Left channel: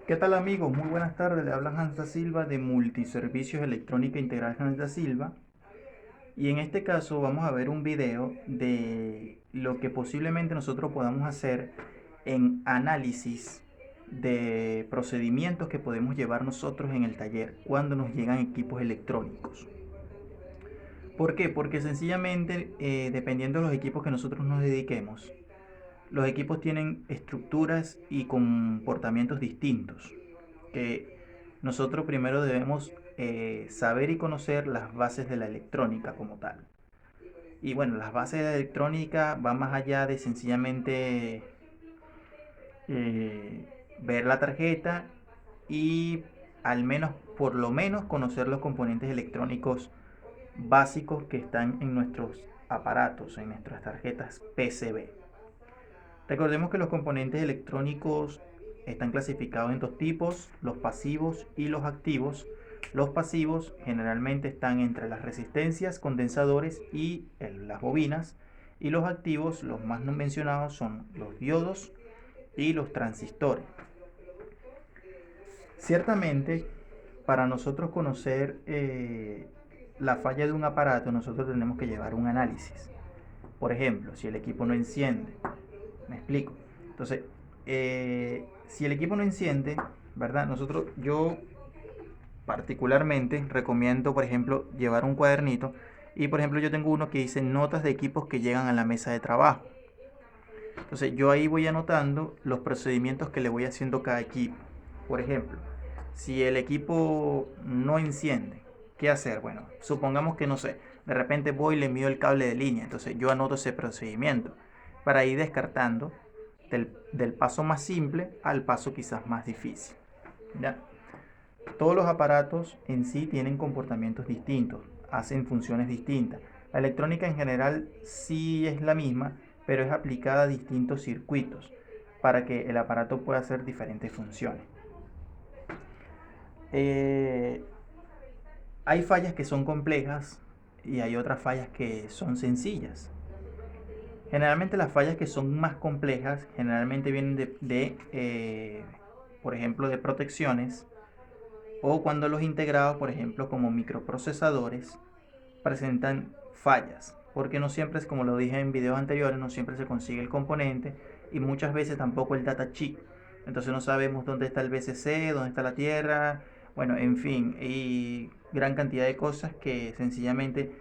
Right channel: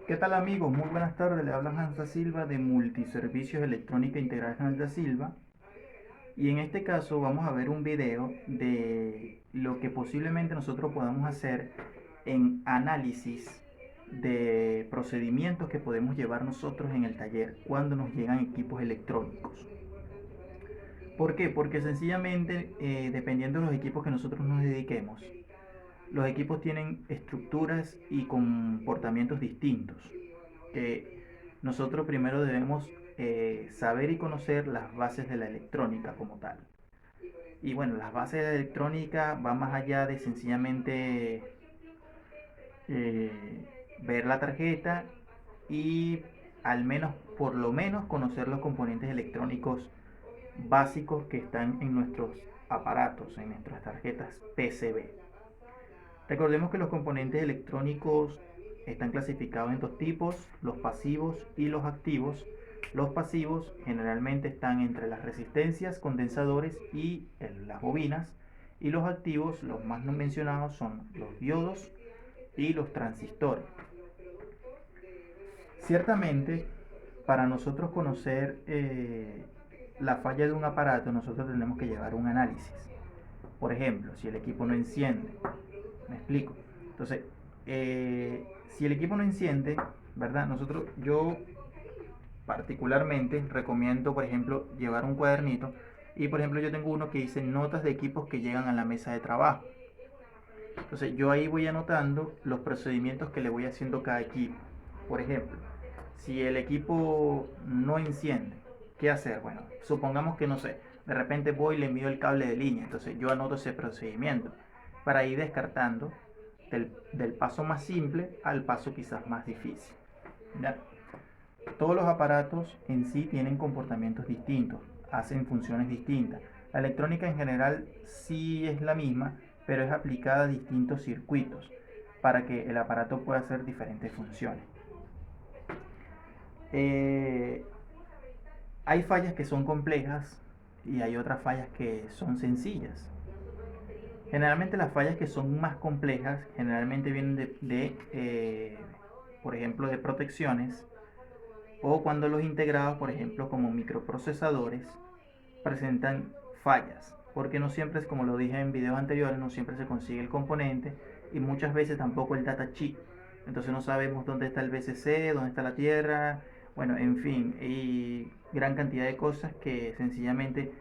¿Qué tal amigos? Muy buenas tardes, le habla Hans da Silva de Multiservicios Electrónica Integral Hans da Silva y en este caso vamos a ver un video de lo que posiblemente nosotros podamos hacer en análisis de procedimientos que podemos llevar nosotros en el taller cuando nos llegan equipos electrónicos. ¿Por qué? Porque sencillamente dependiendo de los equipos que nosotros nos dediquemos, los equipos tienen estructuras y comportamientos distintos que nosotros primero debemos saber y conocer las bases de la electrónica como tal. Y bueno, las bases de la electrónica van más allá de sencillamente ver la tarjeta y al menos, por lo menos, conocer los componentes electrónicos básicos que están en nuestros aparatos, en nuestras tarjetas PCB. Recordemos que los componentes electrónicos están clasificados en dos tipos, los pasivos y los activos. Los pasivos generalmente están entre las resistencias, condensadores y las bobinas. Y los activos, los más no mencionados, son los diodos y los transistores. Ciertamente, para nosotros conocer la falla de un aparato, nosotros tenemos que llevar un análisis. Por ejemplo, si el equipo no enciende, me explico. Entonces, si el equipo no enciende, ¿verdad? Yo particularmente recomiendo, por ejemplo, llevar un cuadernito. Y por ejemplo, yo tengo uno que dice notas de equipos que llegan a la mesa de trabajo. Entonces, yo ahí voy anotando los procedimientos que le voy haciendo a cada equipo. Por ejemplo, si el equipo no enciende, ¿qué hacer? Bueno, supongamos que no sé, de repente voy y le mido el cable de línea. Entonces, yo anoto ese procedimiento para ir descartando del paso más simple al paso quizás más difícil. ¿Ya? Todos los aparatos en sí tienen comportamientos distintos, hacen funciones distintas. La electrónica en general sí es la misma, pero es aplicada a distintos circuitos para que el aparato pueda hacer diferentes funciones. Eh, Hay fallas que son complejas y hay otras fallas que son sencillas. Generalmente las fallas que son más complejas generalmente vienen por ejemplo, de protecciones o cuando los integrados, por ejemplo, como microprocesadores, presentan fallas. Porque no siempre, es como lo dije en videos anteriores, no siempre se consigue el componente y muchas veces tampoco el data chip. Entonces no sabemos dónde está el BCC, dónde está la tierra, bueno, en fin, y gran cantidad de cosas que sencillamente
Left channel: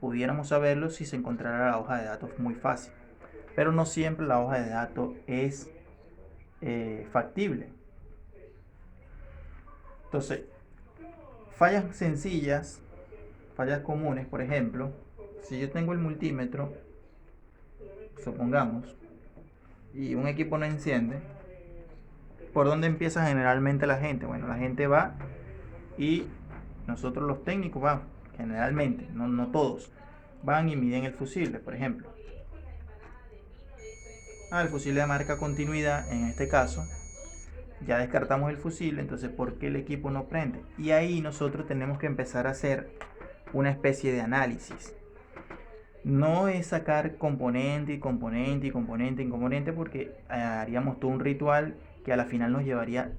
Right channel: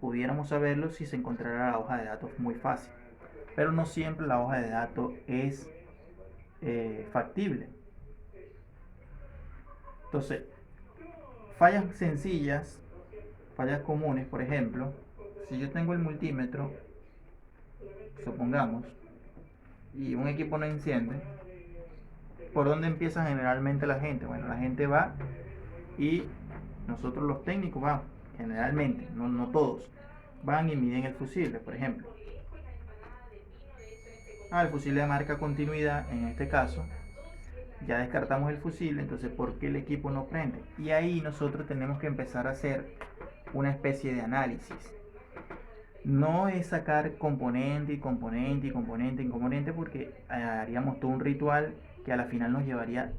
pudiéramos saberlo si se encontrara la hoja de datos muy fácil. Pero no siempre la hoja de datos es factible. Entonces, fallas sencillas, fallas comunes, por ejemplo, si yo tengo el multímetro, supongamos, y un equipo no enciende, ¿por dónde empieza generalmente la gente? Bueno, la gente va y nosotros los técnicos vamos, generalmente, no todos, van y miden el fusible, por ejemplo. El fusible marca continuidad, en este caso, ya descartamos el fusible, entonces ¿por qué el equipo no prende? Y ahí nosotros tenemos que empezar a hacer una especie de análisis. No es sacar componente y componente y componente y componente porque haríamos todo un ritual que a la final nos llevaría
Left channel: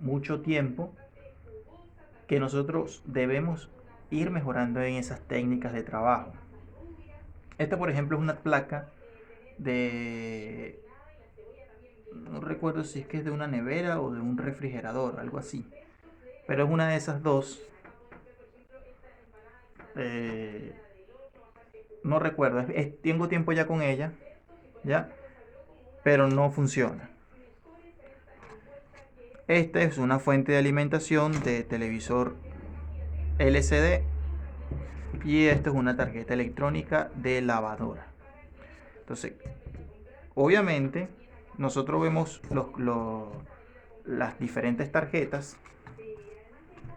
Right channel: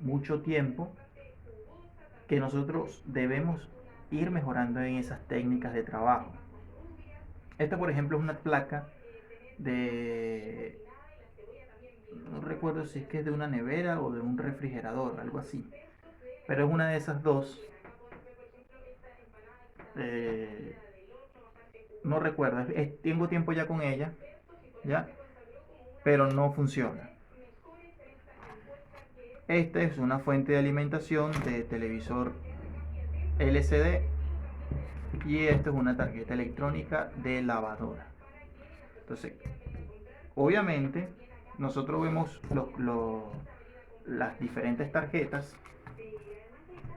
mucho tiempo que nosotros debemos ir mejorando en esas técnicas de trabajo. Esta por ejemplo es una placa de, no recuerdo si es que es de una nevera o de un refrigerador, algo así, pero es una de esas dos. eh, no recuerdo, tengo tiempo ya con ella, ya, pero no funciona. Esta es una fuente de alimentación de televisor LCD y esta es una tarjeta electrónica de lavadora. Entonces, obviamente, nosotros vemos las diferentes tarjetas,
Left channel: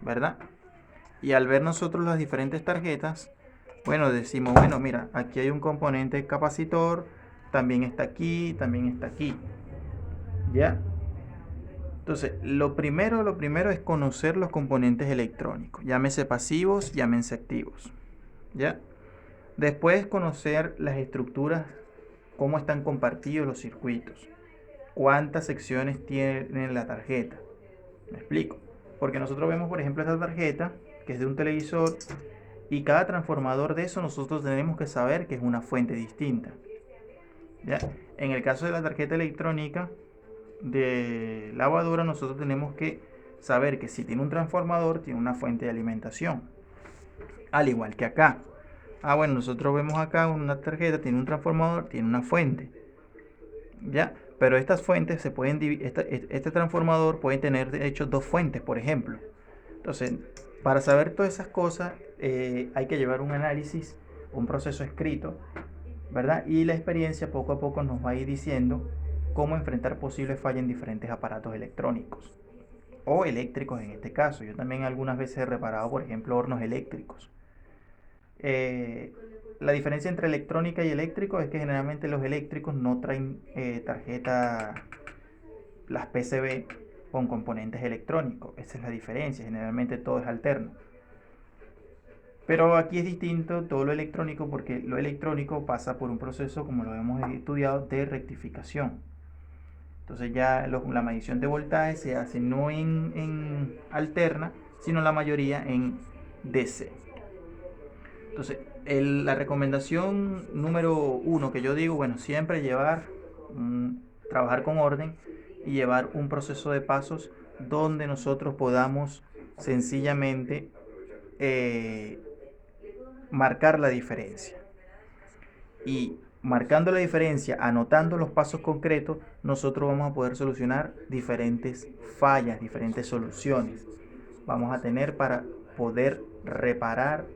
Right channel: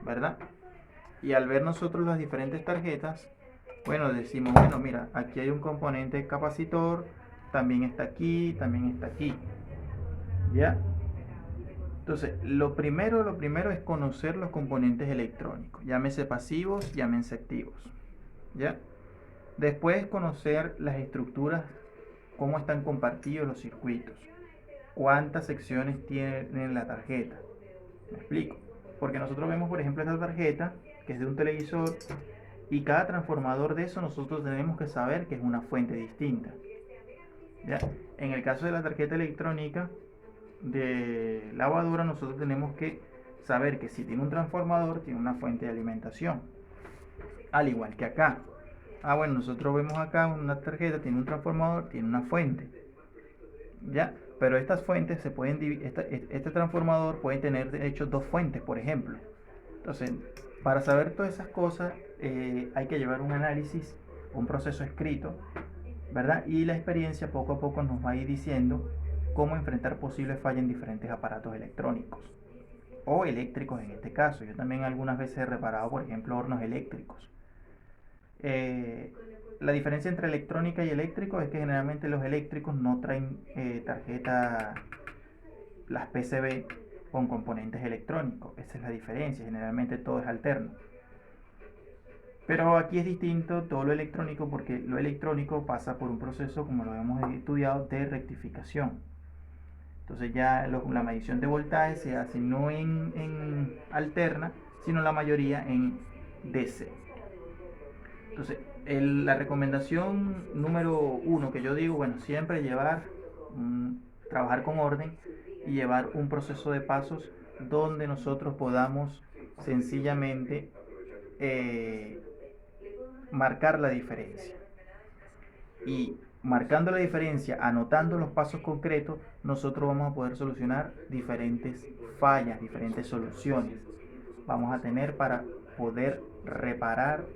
¿verdad? Y al ver nosotros las diferentes tarjetas, bueno, decimos, bueno, mira, aquí hay un componente capacitor, también está aquí, también está aquí. ¿Ya? Entonces, lo primero es conocer los componentes electrónicos, llámese pasivos, llámense activos. ¿Ya? Después conocer las estructuras, cómo están compartidos los circuitos, cuántas secciones tiene la tarjeta. ¿Me explico? Porque nosotros vemos, por ejemplo, esta tarjeta, que es de un televisor, y cada transformador de eso nosotros tenemos que saber que es una fuente distinta. ¿Ya? En el caso de la tarjeta electrónica de lavadora, nosotros tenemos que saber que si tiene un transformador, tiene una fuente de alimentación. Al igual que acá. Bueno, nosotros vemos acá una tarjeta, tiene un transformador, tiene una fuente. ¿Ya? Pero estas fuentes se pueden dividir, este transformador puede tener de hecho dos fuentes, por ejemplo. Entonces, para saber todas esas cosas, hay que llevar un análisis, un proceso escrito, ¿verdad? Y la experiencia poco a poco nos va a ir diciendo cómo enfrentar posibles fallas en diferentes aparatos electrónicos o eléctricos en este caso. Yo también algunas veces he reparado, por ejemplo, hornos eléctricos. La diferencia entre electrónica y eléctrico es que generalmente los eléctricos no traen tarjeta, las PCB con componentes electrónicos. Esa es la diferencia, generalmente todo es alterno. Pero aquí es distinto todo lo electrónico porque lo electrónico pasa por un proceso, como lo hemos estudiado, de rectificación. Entonces ya la medición de voltaje se hace no en alterna, sino la mayoría en DC. Entonces, la recomendación número 1 que yo digo, bueno, siempre trabajar con orden y llevar un proceso de pasos donde nosotros podamos sencillamente marcar la diferencia. Y marcando la diferencia, anotando los pasos concretos, nosotros vamos a poder solucionar diferentes fallas, diferentes soluciones. Vamos a tener para poder reparar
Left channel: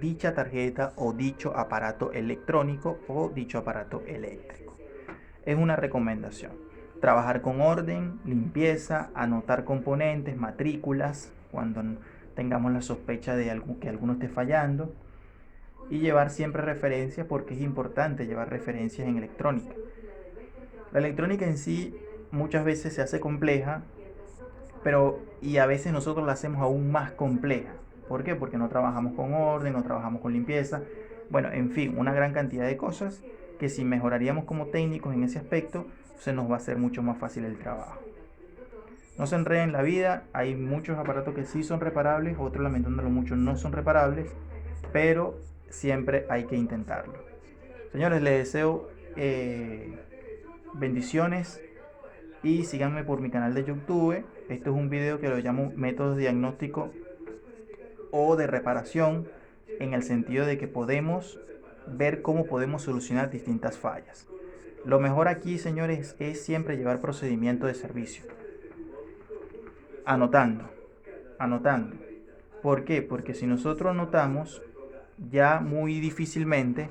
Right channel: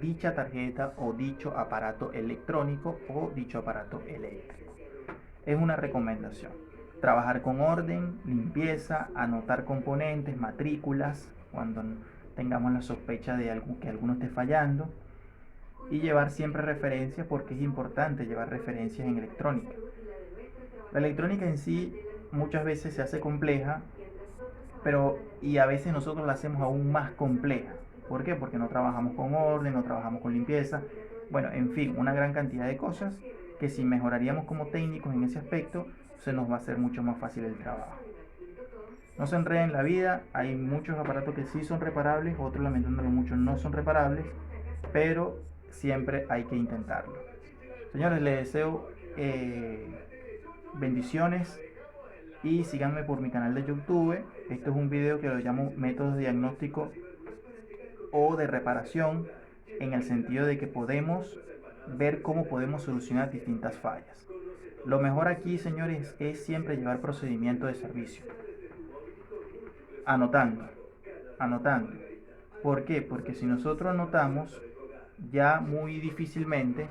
dicha tarjeta o dicho aparato electrónico o dicho aparato eléctrico. Es una recomendación. Trabajar con orden, limpieza, anotar componentes, matrículas, cuando tengamos la sospecha de que alguno esté fallando, y llevar siempre referencias, porque es importante llevar referencias en electrónica. La electrónica en sí muchas veces se hace compleja, y a veces nosotros la hacemos aún más compleja. ¿Por qué? Porque no trabajamos con orden, no trabajamos con limpieza. Bueno, en fin, una gran cantidad de cosas que si mejoraríamos como técnicos en ese aspecto, se nos va a hacer mucho más fácil el trabajo. No se enreden en la vida, hay muchos aparatos que sí son reparables, otros lamentándolo mucho no son reparables, pero siempre hay que intentarlo. Señores, les deseo bendiciones y síganme por mi canal de YouTube. Este es un video que lo llamo métodos de diagnóstico o de reparación, en el sentido de que podemos ver cómo podemos solucionar distintas fallas. Lo mejor aquí, señores, es siempre llevar procedimiento de servicio. Anotando. ¿Por qué? Porque si nosotros anotamos, ya muy difícilmente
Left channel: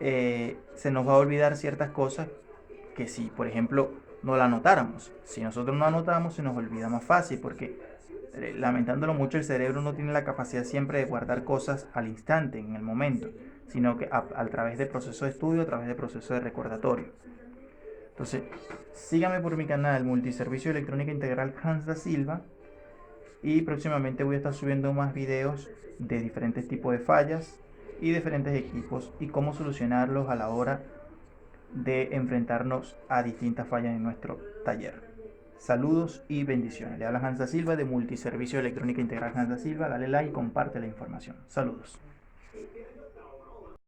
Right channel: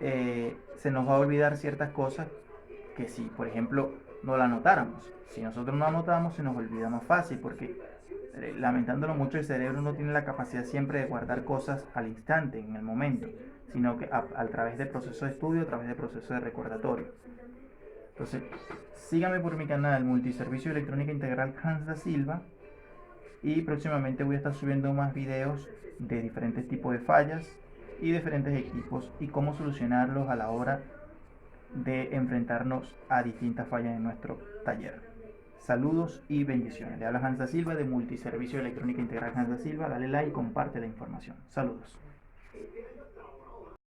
se nos va a olvidar ciertas cosas que si, por ejemplo, no la anotáramos. Si nosotros no anotamos, se nos olvida más fácil porque, lamentándolo mucho, el cerebro no tiene la capacidad siempre de guardar cosas al instante, en el momento, sino que a través del proceso de estudio, a través del proceso de recordatorio. Entonces, síganme por mi canal Multiservicio Electrónica Integral Hans Da Silva, y próximamente voy a estar subiendo más videos de diferentes tipos de fallas y diferentes equipos y cómo solucionarlos a la hora de enfrentarnos a distintas fallas en nuestro taller. Saludos y bendiciones. Le habla Hans Da Silva de Multiservicio Electrónica Integral Hans Da Silva. Dale like y comparte la información. Saludos.